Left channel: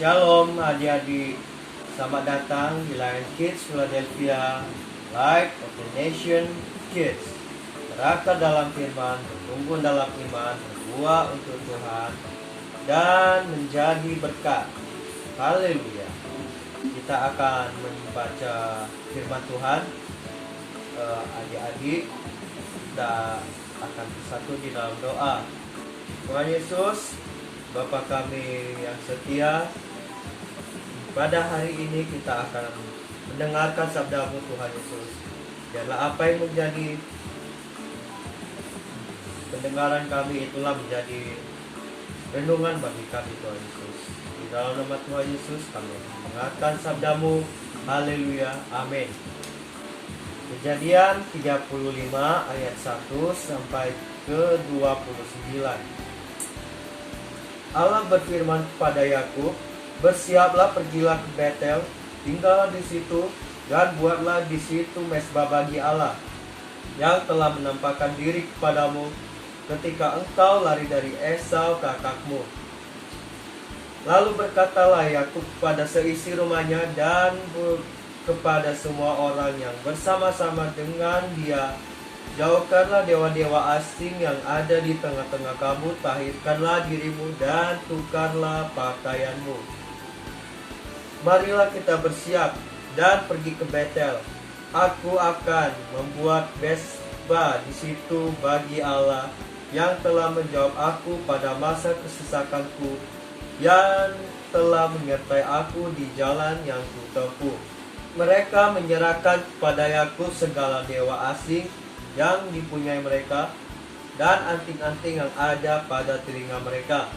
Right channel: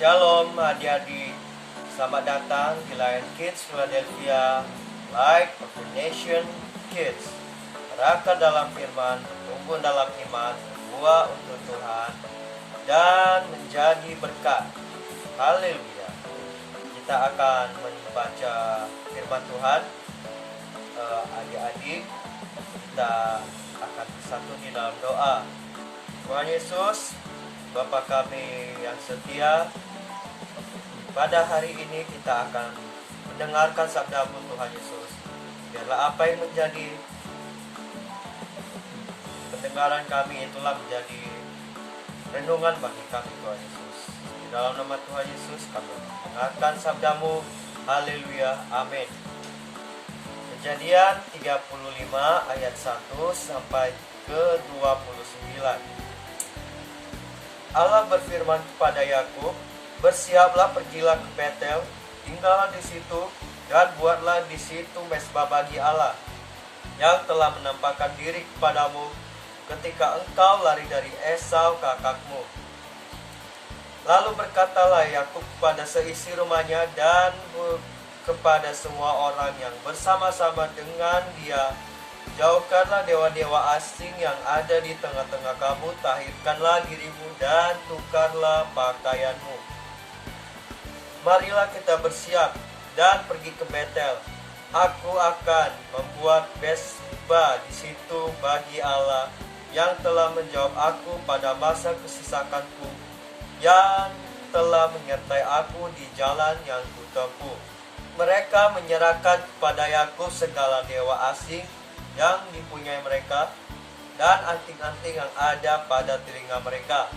Shalom adik-adik, selamat datang di Lion Kids Philadelphia, Light of the Nation Kids. Berakar dalam firman, bertumbuh dalam iman, berbuah untuk Tuhan, dan menjadi berkat. Haleluya. Kita akan membaca firman Tuhan. Adik-adik, kita akan bersatu di dalam doa. Tuhan Yesus, Bapa kami yang setia, pada hari ini kita akan mendengarkan sabda-Mu Tuhan Yesus. Biarlah apa yang menjadi pendengaran kami itulah menjadi renungan bagi kami Tuhan Yesus. Di dalam nama Tuhan Yesus kami mendengarkan sabda-Mu. Haleluya, amin. Kejadian 35 ayat 1 sampai ke 29. Allah berfirman kepada Yakub, "Bersiaplah, pergilah ke Betel, tinggallah di situ, dan buatlah di situ mezbah bagi Allah, yang telah menampakkan diri kepadamu ketika engkau lari dari Esau kakakmu." Lalu berkatalah Yakub kepada seisi rumahnya dan kepada semua orang yang bersama-sama dengan dia, "Jauhkanlah dewa-dewa asing yang ada di tengah-tengah kamu, tahirkanlah dirimu dan tukarlah pakaianmu. Marilah kita bersiap dan pergi ke Betel. Aku akan membuat mezbah di situ bagi Allah yang telah menjawab aku pada masa kesesakanku, yang telah menyertai aku di jalan yang kutempuh." Mereka menyerahkan kepada Yakub segala dewa asing yang dipunyai mereka dan anting-anting yang ada pada telinga mereka.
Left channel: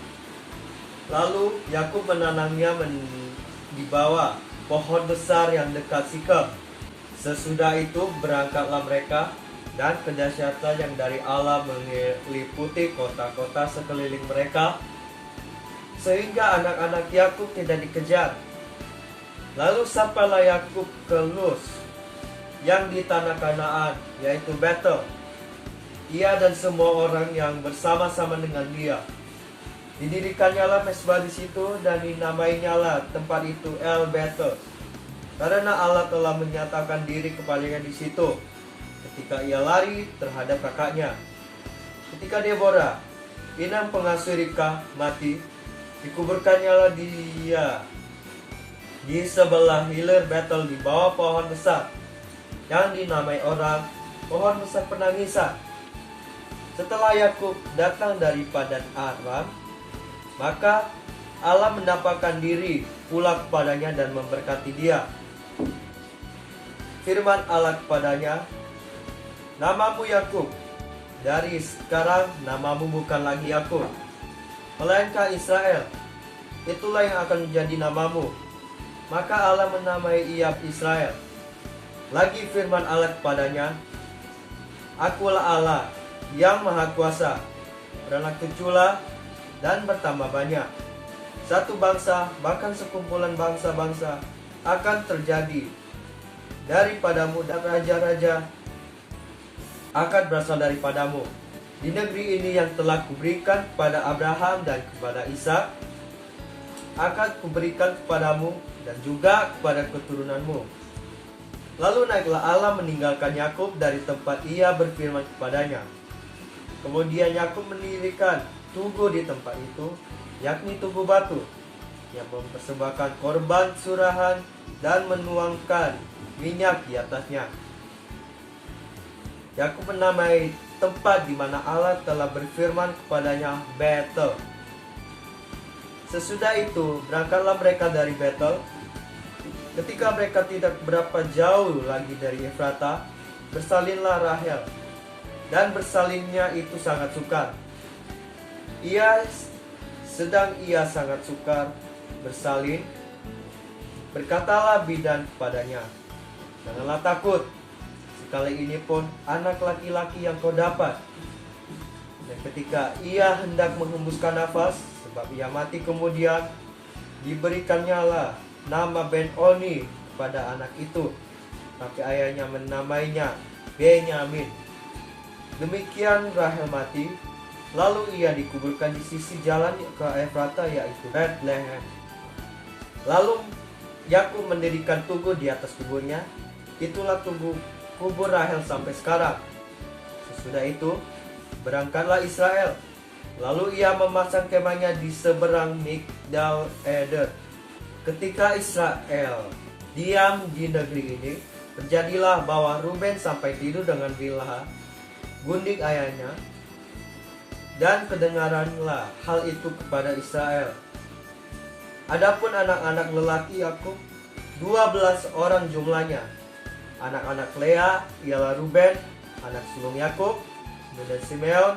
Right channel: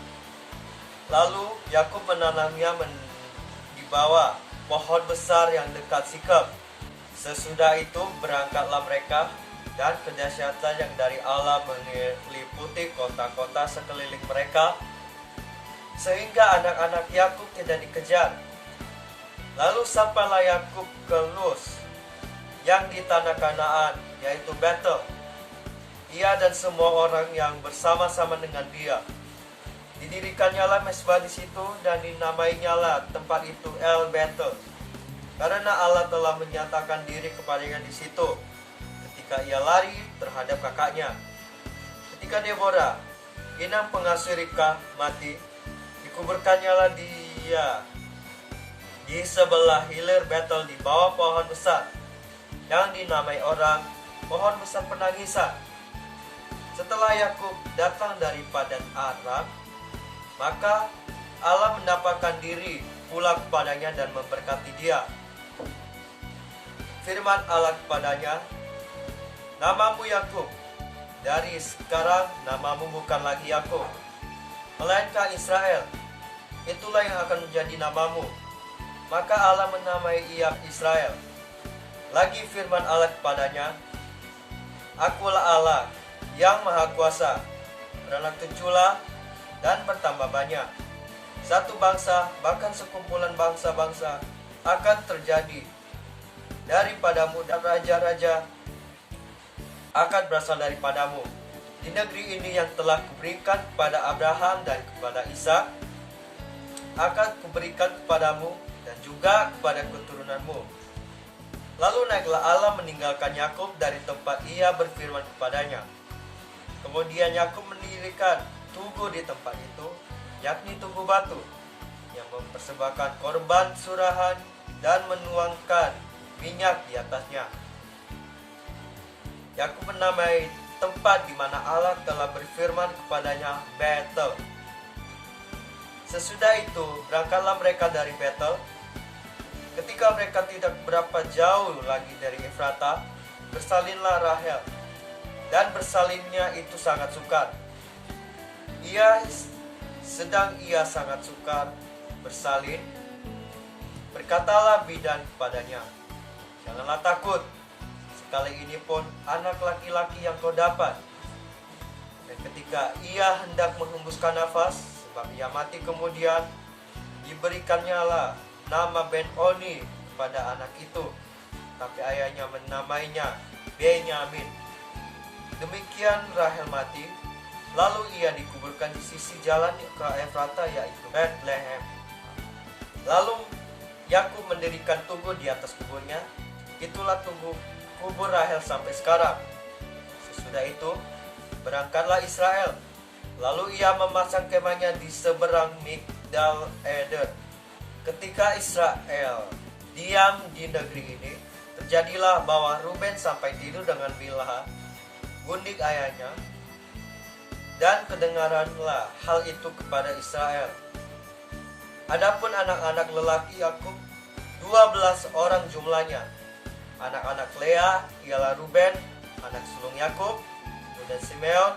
Lalu Yakub menanamnya di bawah pohon besar yang dekat Sikem. Sesudah itu berangkatlah mereka, dan kedahsyatan yang dari Allah meliputi kota-kota sekeliling mereka, sehingga anak-anak Yakub tidak dikejar. Lalu sampailah Yakub ke Luz yang di tanah Kanaan, yaitu Betel, ia dan semua orang yang bersama-sama dengan dia. Didirikannya mezbah di situ, dan dinamainya tempat itu El Betel, karena Allah telah menyatakan diri kepadanya di situ ketika ia lari terhadap kakaknya. Ketika Deborah, inang pengasuh Ribkah, mati, dikuburkannya dia di sebelah hilir Betel di bawah pohon besar yang dinamai orang pohon besar penangisan. Setelah Yakub datang dari Padan Aram, maka Allah menampakkan diri pula kepadanya dan memberkati dia. Firman Allah kepadanya, "Namamu Yakub, dari sekarang namamu bukan lagi Yakub, melainkan Israel. Itulah yang akan menjadi namamu." Maka Allah menamai ia Israel. Lagi firman Allah kepadanya, "Akulah Allah yang Maha Kuasa, beranak cuculah dan bertambah banyak. Satu bangsa, bahkan sekumpulan bangsa-bangsa akan terjadi daripadamu, dan raja-raja akan berasal daripadamu. Di negeri ini yang telah kuberikan kepada Abraham dan kepada Ishak, akan kuberikan kepadamu dan juga kepada keturunanmu." Lalu naiklah Allah meninggalkan Yakub dari tempat ia berfirman kepadanya. Kemudian Yakub mendirikan tugu di tempat itu, yakni tugu batu, yang mempersembahkan korban surahan dan menuangkan minyak di atasnya. Yakub menamai tempat di mana Allah telah berfirman kepadanya Betel. Sesudah itu berangkatlah mereka dari Betel. Ketika mereka tidak berapa jauh lagi dari Efrata, bersalinlah Rahel, dan bersalinnya itu sangat sukar. Sedang ia sangat sukar bersalin, berkatalah bidan kepadanya, "Janganlah takut, sekali ini pun anak laki-laki yang kau dapat." Dan ketika ia hendak menghembuskan nafas, sebab ia mati, kemudian diberikannya nama Ben-Oni kepada anak itu, tapi ayahnya menamainya Benyamin. Demikian Rahel mati, lalu ia dikuburkan di sisi jalan ke Efrata, yaitu Bethlehem. Lalu Yakub mendirikan tugu di atas kuburnya. Itulah tugu kubur Rahel sampai sekarang. Sesudah itu berangkatlah Israel. Lalu ia memasang kemahnya di seberang Migdal Eder. Ketika Israel diam di negeri ini, terjadilah bahwa Ruben sampai tidur dengan Bilha, gundik ayahnya, dan kedengaranlah hal itu kepada Israel. Adapun anak-anak lelaki Yakub 12 orang jumlahnya. Anak-anak Lea ialah Ruben, anak sulung Yakub, kemudian Simeon,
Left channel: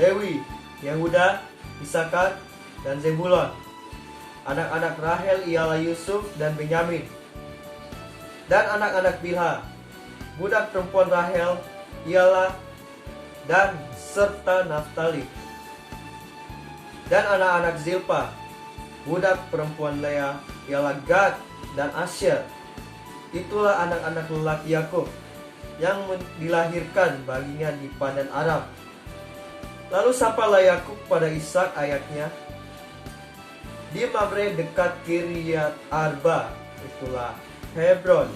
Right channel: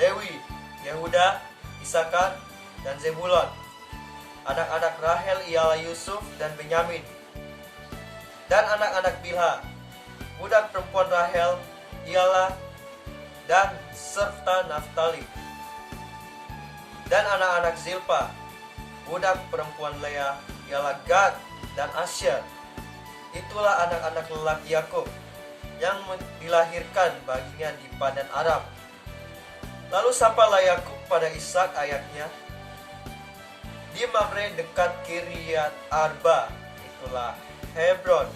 Lewi, Yehuda, Isakar, dan Zebulon. Anak-anak Rahel ialah Yusuf dan Benyamin. Dan anak-anak Bilha, budak perempuan Rahel, ialah Dan serta Naftali. Dan anak-anak Zilpa, budak perempuan Lea, ialah Gad dan Asher. Itulah anak-anak lelaki Yakub yang dilahirkan baginya di Padan Aram. Lalu sapalah Yakub pada Ishak ayahnya di Mamre dekat Kiryat Arba, itulah Hebron,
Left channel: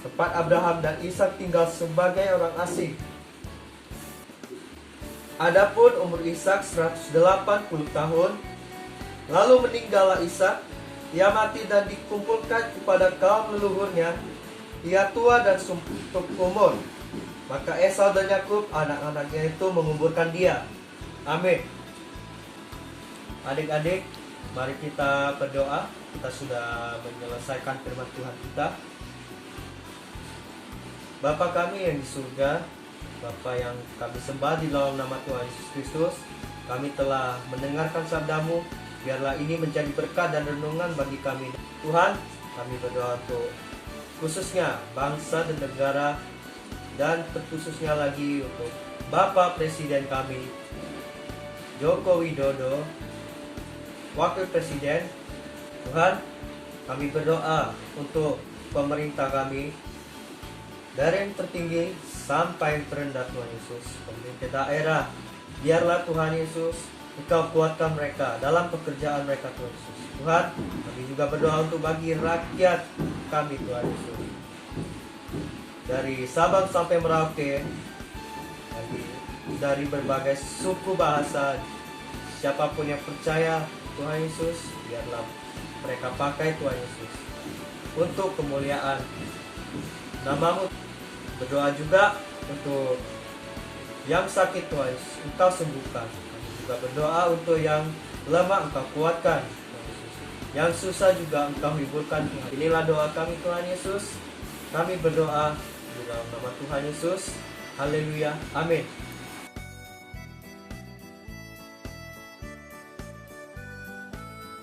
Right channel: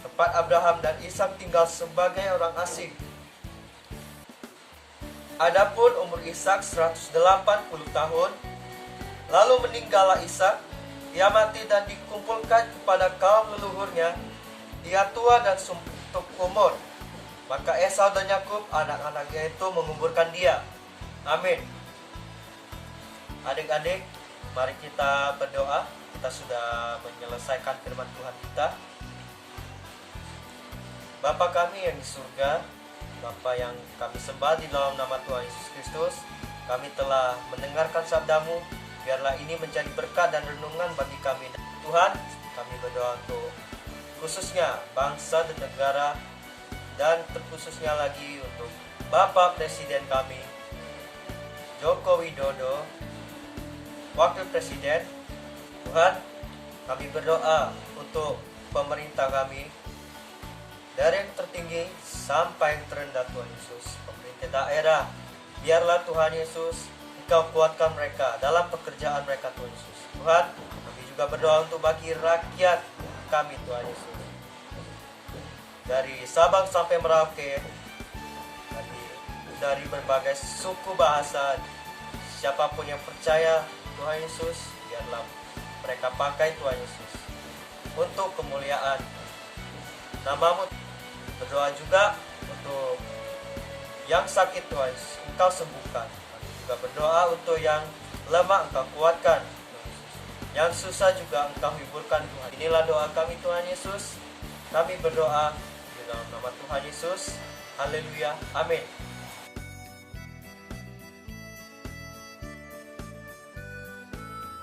tempat Abraham dan Ishak tinggal sebagai orang asing. Adapun umur Ishak 180 tahun, lalu meninggallah Ishak. Ia mati dan dikumpulkan kepada kaum leluhurnya. Ia tua dan suntuk umur. Maka Esau dan Yakub anak-anaknya itu menguburkan dia. Amin. Adik-adik, mari kita berdoa. Kita sudah menyelesaikan firman Tuhan kita. Bapa kami yang di surga, Bapa yang kami sembah di dalam nama Tuhan Yesus Kristus, kami telah mendengarkan sabdamu. Biarlah ini menjadi berkat dan renungan bagi kami. Tuhan, kami berdoa untuk khususnya bangsa dan negara, dan terkhususnya lagi untuk Bapak Presiden kami, Joko Widodo, Wakil Presiden. Tuhan, kami berdoa untuk pemerintah kami, dari yang tertinggi sampai yang terendah Tuhan Yesus. Pemerintah daerah, biarlah Tuhan Yesus Engkau kuatkan mereka dalam pekerjaan mereka Tuhan Yesus. Tuhan, kami juga berdoa untuk bagi rakyat kami Tuhan Yesus, dari Sabang sampai Merauke, dari berbagai suku bahasa, siapapun yang percaya Tuhan Yesus, biarlah mereka pakai Tuhan Yesus untuk kemuliaan nama-Mu. Berdoa juga untuk yang sakit Tuhan Yesus, Engkau sembuhkan. Juga berdoa untuk yang lemah, Engkau kuatkan. Yang susah juga Engkau hiburkan Tuhan. Inilah doa kami Tuhan Yesus. Kami berdoa di dalam nama Tuhan Yesus. Haleluya. Amin.